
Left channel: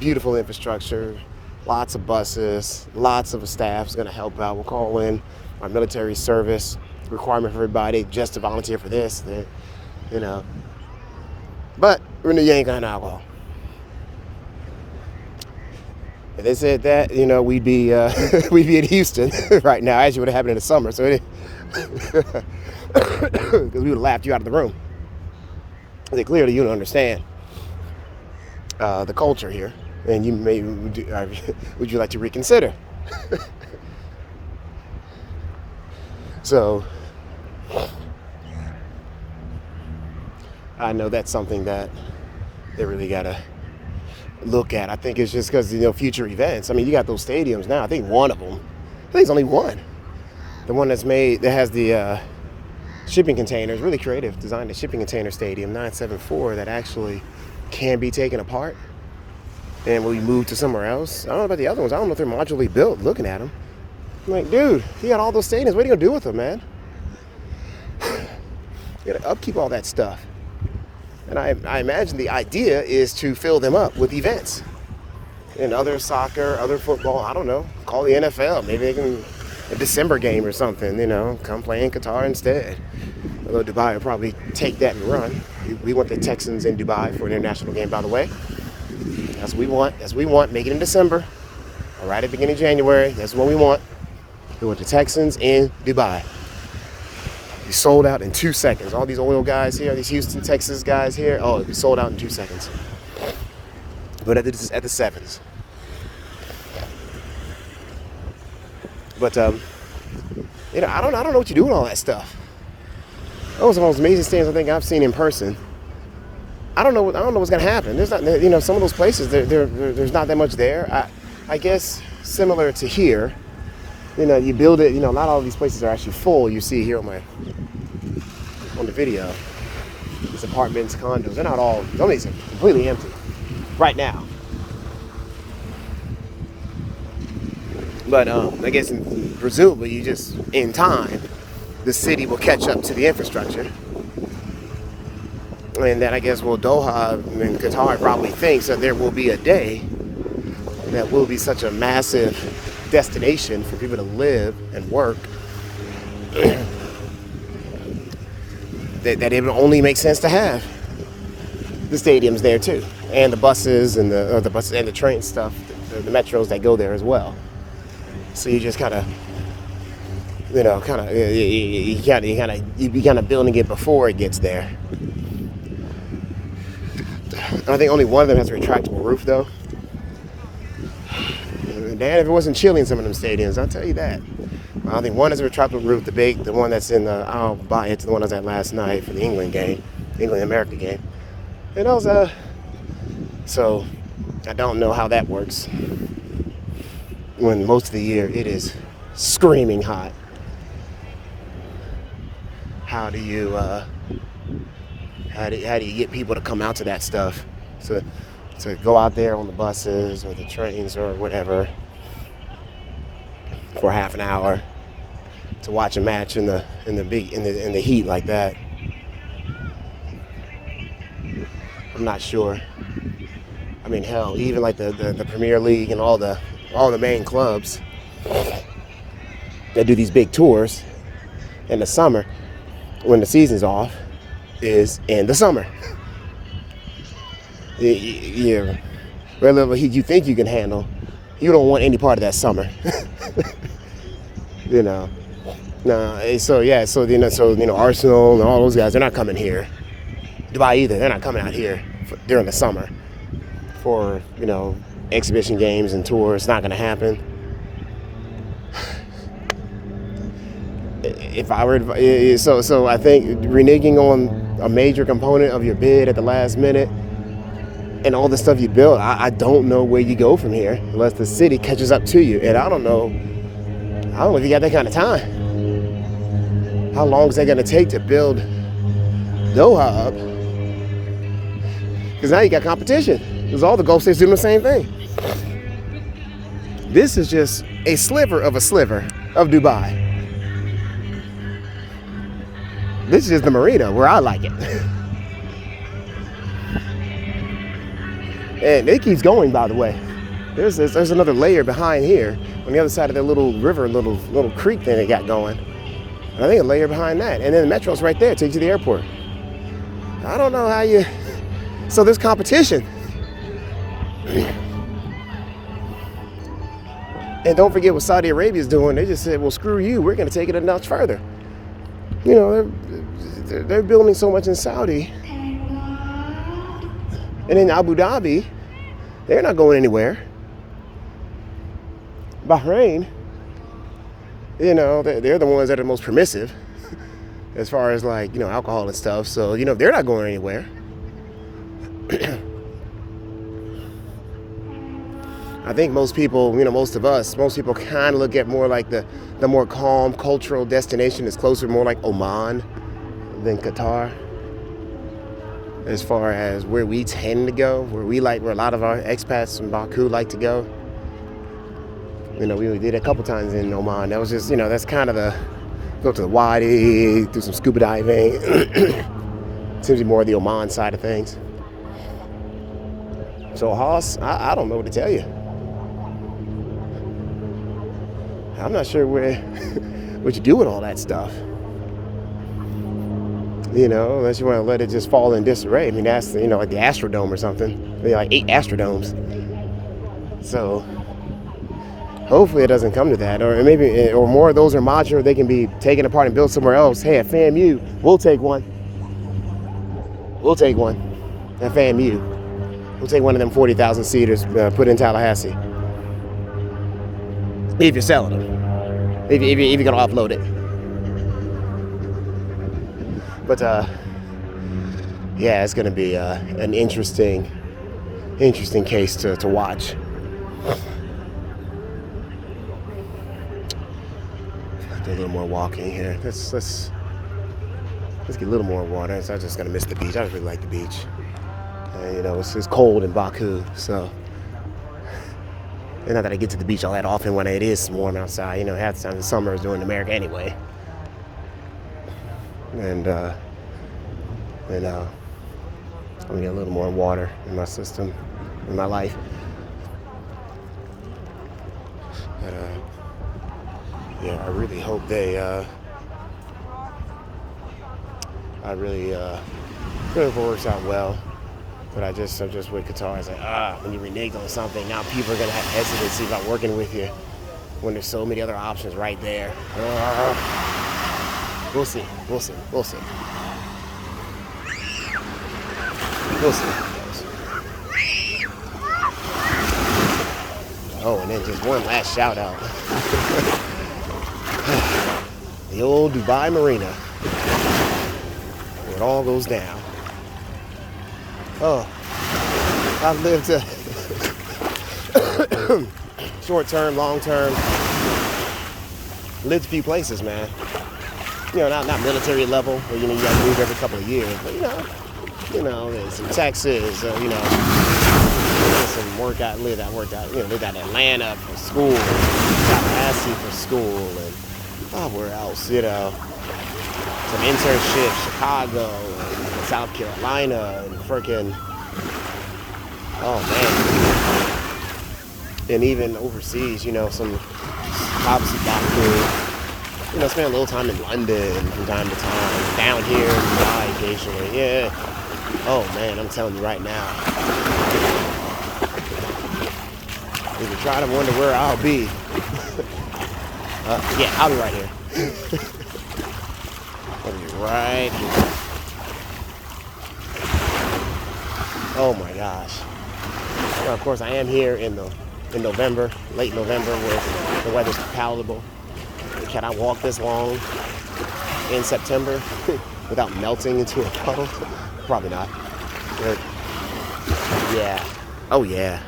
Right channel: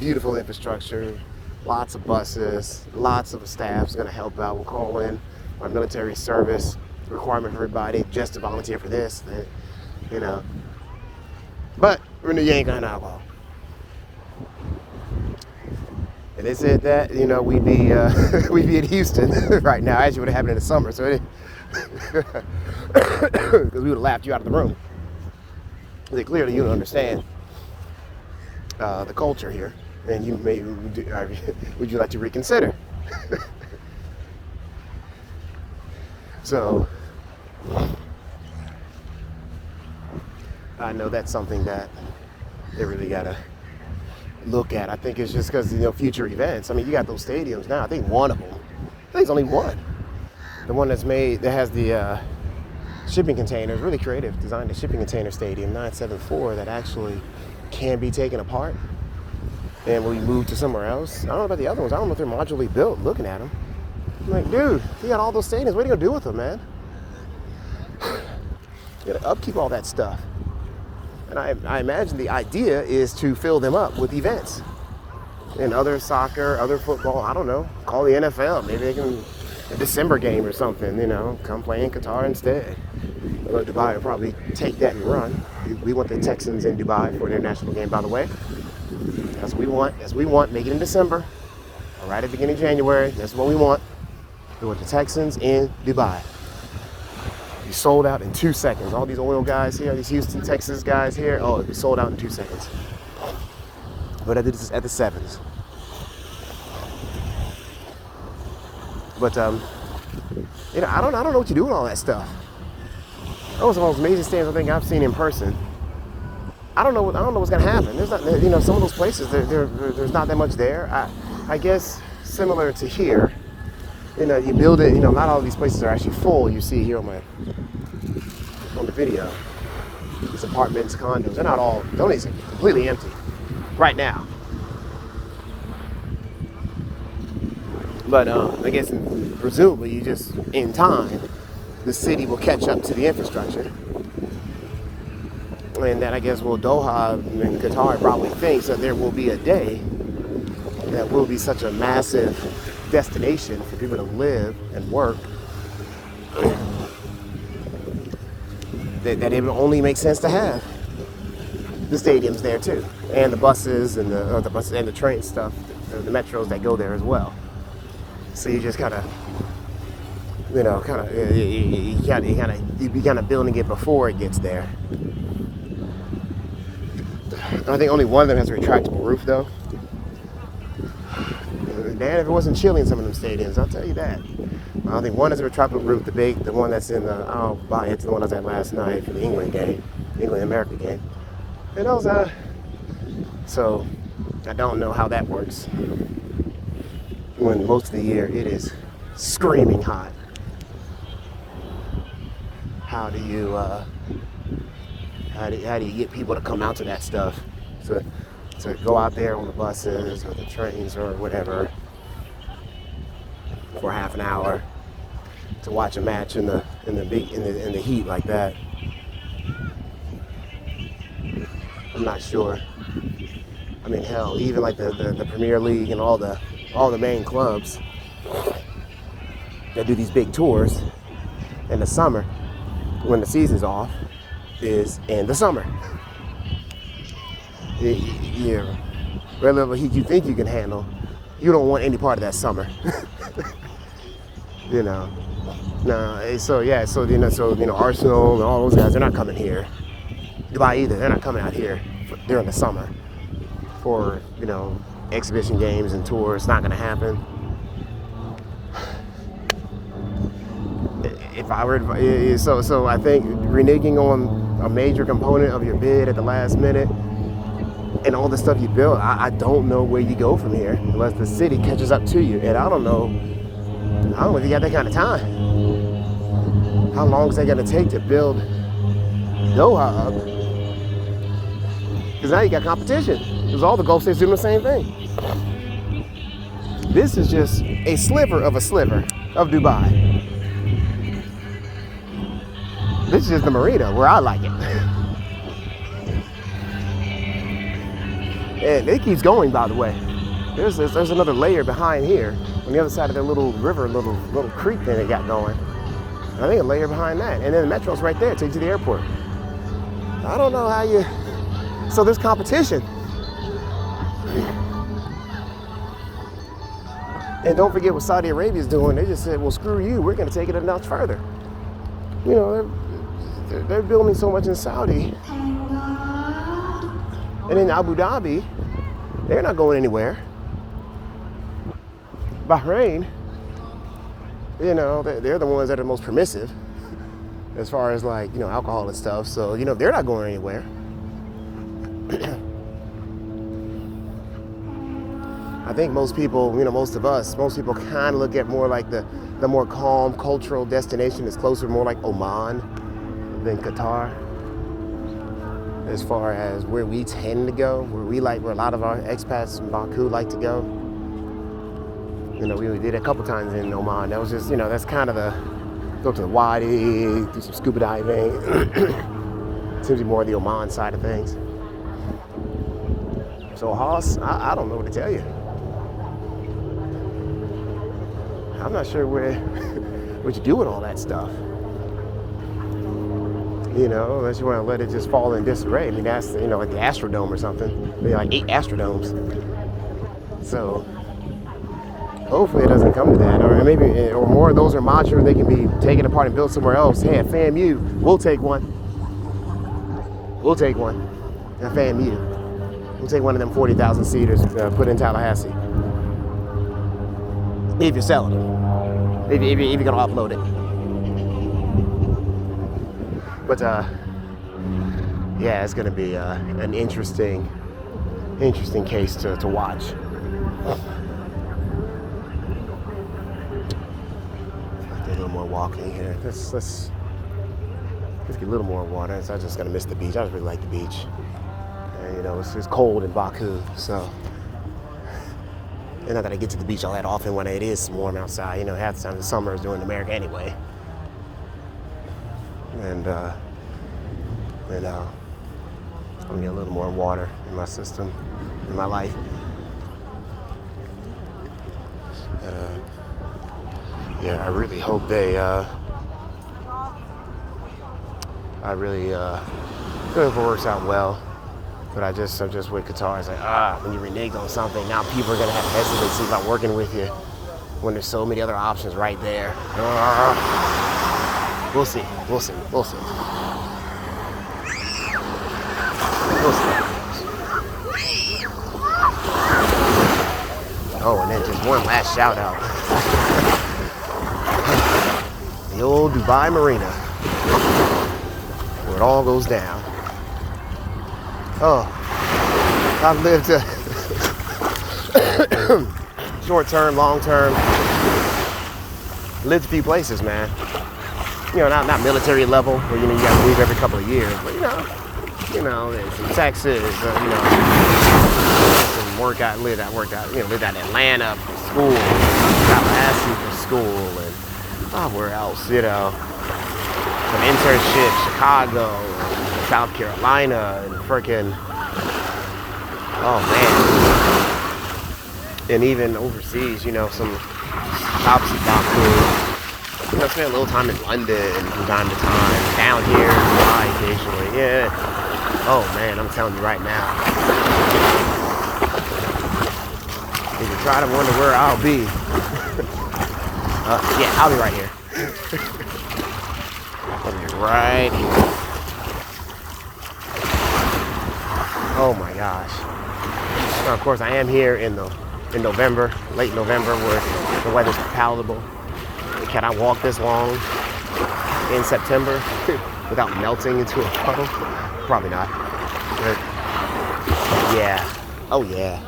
beautiful infrastructure, lots of buses, lots of staff's gonna help out. We'll call in our military service requirement for everybody just to volunteer for this, you know. But you ain't got alcohol. And they said that, you know, we'd be in Houston right now, as you would have happened in the summer. So because we would have laughed you out of the room. They clearly you don't understand the culture here, and you would you like to reconsider? So I know that's something that they really gotta look at. I think it's just because, you know, future events. I mean, you got those stadiums now. I think one of them, I think it's only one. The one that has the shipping containers, really creative, designed a shipping container stadium, 974, that actually can be taken apart and we move to somewhere else. I don't know about the other ones. I don't know if they're modularly built. Looking at them, I'm like, dude, you got all those stadiums. What are you gonna do with them, man? You gotta upkeep all that stuff. And I imagine the idea is to fill them up with events and other soccer, other football. I don't know. Call the NFL. Maybe they can a December game or something, come play in Qatar instead. Although Dubai will probably take that and run. We want the Texans in Dubai for their national game, by the way. That's what we want. That's what we want. Make it in December. Or right at the beginning of January. That's what we want. We want the Texans in Dubai. Be sold out in 2 seconds. All these oil guys here, these Houston, Texas guys here, it'll be sold out in 2 seconds. But at the sevens. But I don't know what you do with all that stuff. That was the most amazing stands I think I've seen in person. I don't know what's gonna happen. There's not, some of those places there's not that much there. I guess similar to here. You build it. Not all of these places are actually full. You see here on the video. These apartments, condos, they're not all. Don't completely empty right now. But I guess presumably in time, the city will catch up to the infrastructure. And that I guess Doha and Qatar probably thinks that there will be a day that will be such a massive destination for people to live and work that it would only make sense to have the stadiums there too, and the buses and the buses and the train stuff, the metros that go there as well. So you just kind of building it before it gets there. I think only one of them has a retractable roof though. Damn, if it wasn't chilly in some of them stadiums, I'll tell you that. I think one is a retractable roof, the one that's in I'll buy it to the one I was at last night for the England-America game. And those, so I don't know how that works. When most of the year it is screaming hot. How do you get people to come out to that stuff? To go out there on the buses or the trains or whatever for half an hour to watch a match in the heat like that. I'm not sure. I mean, hell, even like the Premier League and all the main clubs that do these big tours in the summer when the season's off is in the summer. Yeah, whatever heat you think you can handle, you don't want any part of that summer. No. So Arsenal and all those guys, they're not coming here. Dubai either, they're not coming out here during the summer for exhibition games and tours. It's not going to happen. If I were so I think reneging on a major component of your bid at the last minute and all the stuff you built, I don't know where you go from here unless the city catches up to you. And I don't know if you got that kind of time. How long is that going to take to build Doha up? Because now you got competition. Because all the Gulf states doing the same thing. This is just a sliver of Dubai. This is just the Marina where I like it. And it keeps going, by the way. There's another layer behind here on the other side of that little river, little creek that they got going. I think a layer behind that. And then the metro's right there, takes you to the airport. I don't know how you... So there's competition. And don't forget what Saudi Arabia's doing. They just said, well, screw you. We're going to take it a notch further. They're building so much in Saudi. And in Abu Dhabi, they're not going anywhere. Bahrain, they're the ones that are most permissive as far as alcohol and stuff. So, they're not going anywhere. I think most people, most people kind of look at more like the more calm cultural destination is closer, more like Oman than Qatar. As far as where we tend to go, where a lot of our expats from Baku like to go. We did a couple times in Oman. That was just, that's kind of go to the Wadi, do some scuba diving. Seems to be more the Oman side of things. So Haas, I don't know what to tell you. I'm not sure what you do with all that stuff. You know, unless you want to let it just fall in disarray. I mean, that's, you know, like the Astrodome or something. Maybe like 8 Astrodomes. So hopefully it doesn't come to that, or maybe, or more of those are modular. They can be taken apart and built somewhere else. Hey, at FAMU, we'll take one. We'll take one at FAMU. We'll take one of them 40,000 seaters, put in Tallahassee. If you're selling them, if you're gonna upload it. But yeah, it's gonna be an interesting case to watch. Do a little more walking here. Let's get a little more water. So I'm just gonna miss the beach. I just really like the beach. And, you know, it's cold in Baku, so. And not that I get to the beach all that often when it is warm outside. You know, half the time the summer is doing America anyway. And you know, let me get a little more water in my system, in my life. Yeah, I really hope they. I really hope it works out well. But I'm just with Qatar. It's like, when you renege on something, now people are gonna have hesitancy about working with you when there's so many other options right there. We'll see. We'll see. We'll see. We'll see. Oh, and then just one last shout out. The old Dubai Marina, where it all goes down. Oh, I've lived short term, long term, lived a few places, man. You know, not military level, where you know you got to move every couple of years, but you know, there's some Texas, you know, some work out, lived out in Atlanta for school, Tallahassee for school, and where else, you know, some internships, Chicago, and South Carolina, and freaking, oh man, and even overseas, you know, some obviously Baku. You know, spend a little time in London from time to time, down here in Dubai occasionally, yeah. Oh man, I'm telling you right now. If you try to wonder where I'll be, yeah, I'll be right here. I'll be right here. Oh my gosh. Now, of course, I am here in November, late November, where the weather's palatable. Can I walk this long in September without melting into a puddle? Probably not. But yeah. Oh yeah.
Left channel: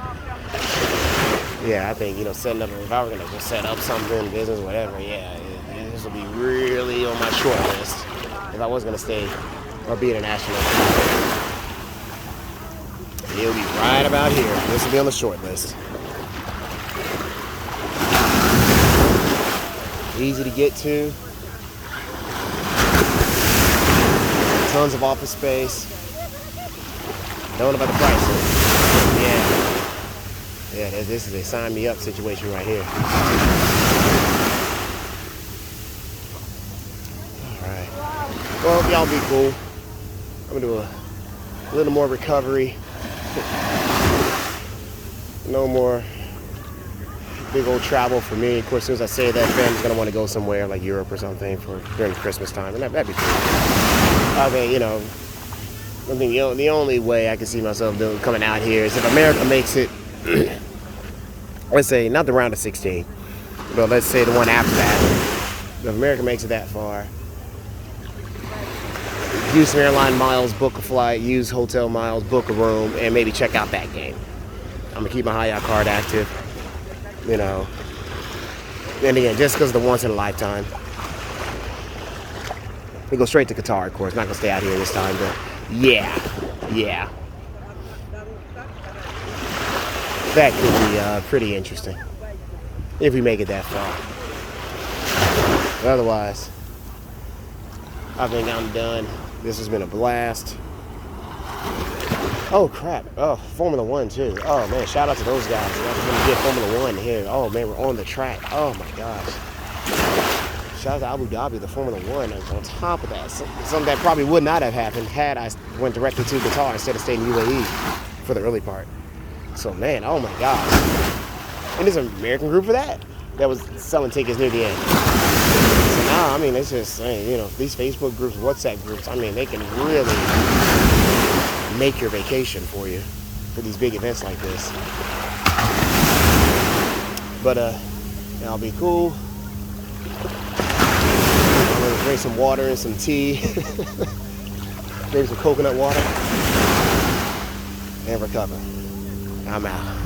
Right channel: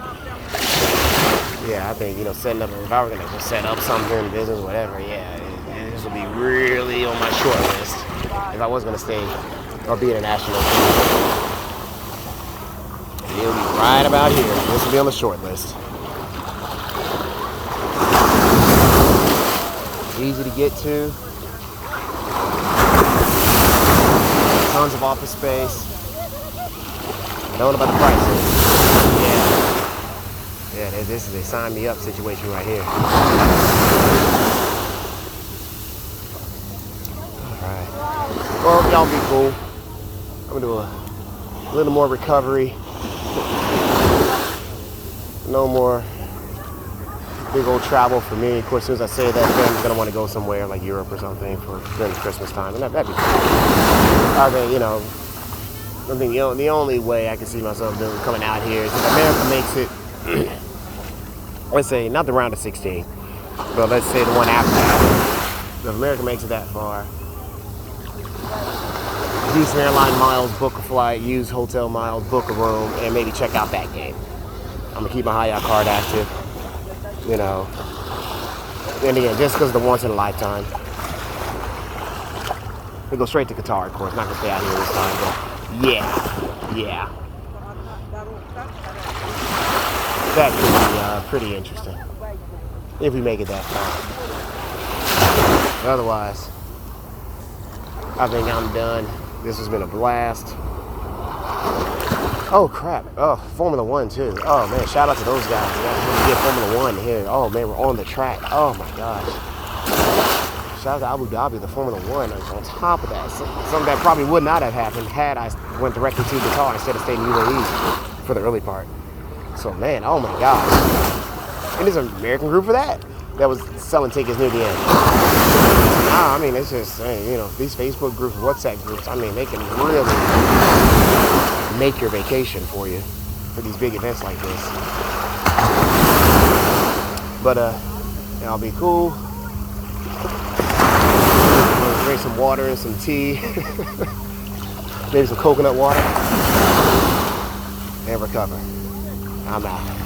Yeah, I think, you know, setting up, if I were gonna set up something, business, whatever, yeah, this would be really on my short list. If I was gonna stay or be international, it would be right about here. This would be on the short list. Easy to get to. Tons of office space. Don't know about the prices. Yeah, this is a sign me up situation right here. Alright. Well, y'all be cool. I'm gonna do a little more recovery. No more big old travel for me. Of course, as soon as I say that, friends gonna want to go somewhere like Europe or something for during Christmas time, and that'd be cool. I think, you know, I think the only way I can see myself doing coming out here is if America makes it. Let's say not the round of 16, but let's say the one after that. If America makes it that far, use some airline miles, book a flight, use hotel miles, book a room, and maybe check out that game. I'm gonna keep my high out card active. You know, and again, just because of the once in a lifetime. We go straight to Qatar, of course. Not gonna stay out here this time, but yeah. That could be pretty interesting if we make it that far. But otherwise, I think I'm done. This has been a blast. Oh crap! Oh, Formula One too. Oh man, shout out to those guys. That's when we did Formula One here. Oh man, we're on the track. Oh my god. Shout out to Abu Dhabi, the Formula One. On top of that, something that probably would not have happened had I went directly to Qatar instead of staying in UAE for the early part. So man, oh my gosh. And there's an American group for that was selling tickets near the end. So now, I mean, it's just, you know, these Facebook groups, WhatsApp groups, I mean, they can really make your vacation for you for these big events like this. But I'll be cool. I'm gonna drink some water and some tea, maybe some coconut water, and recover. I'm out.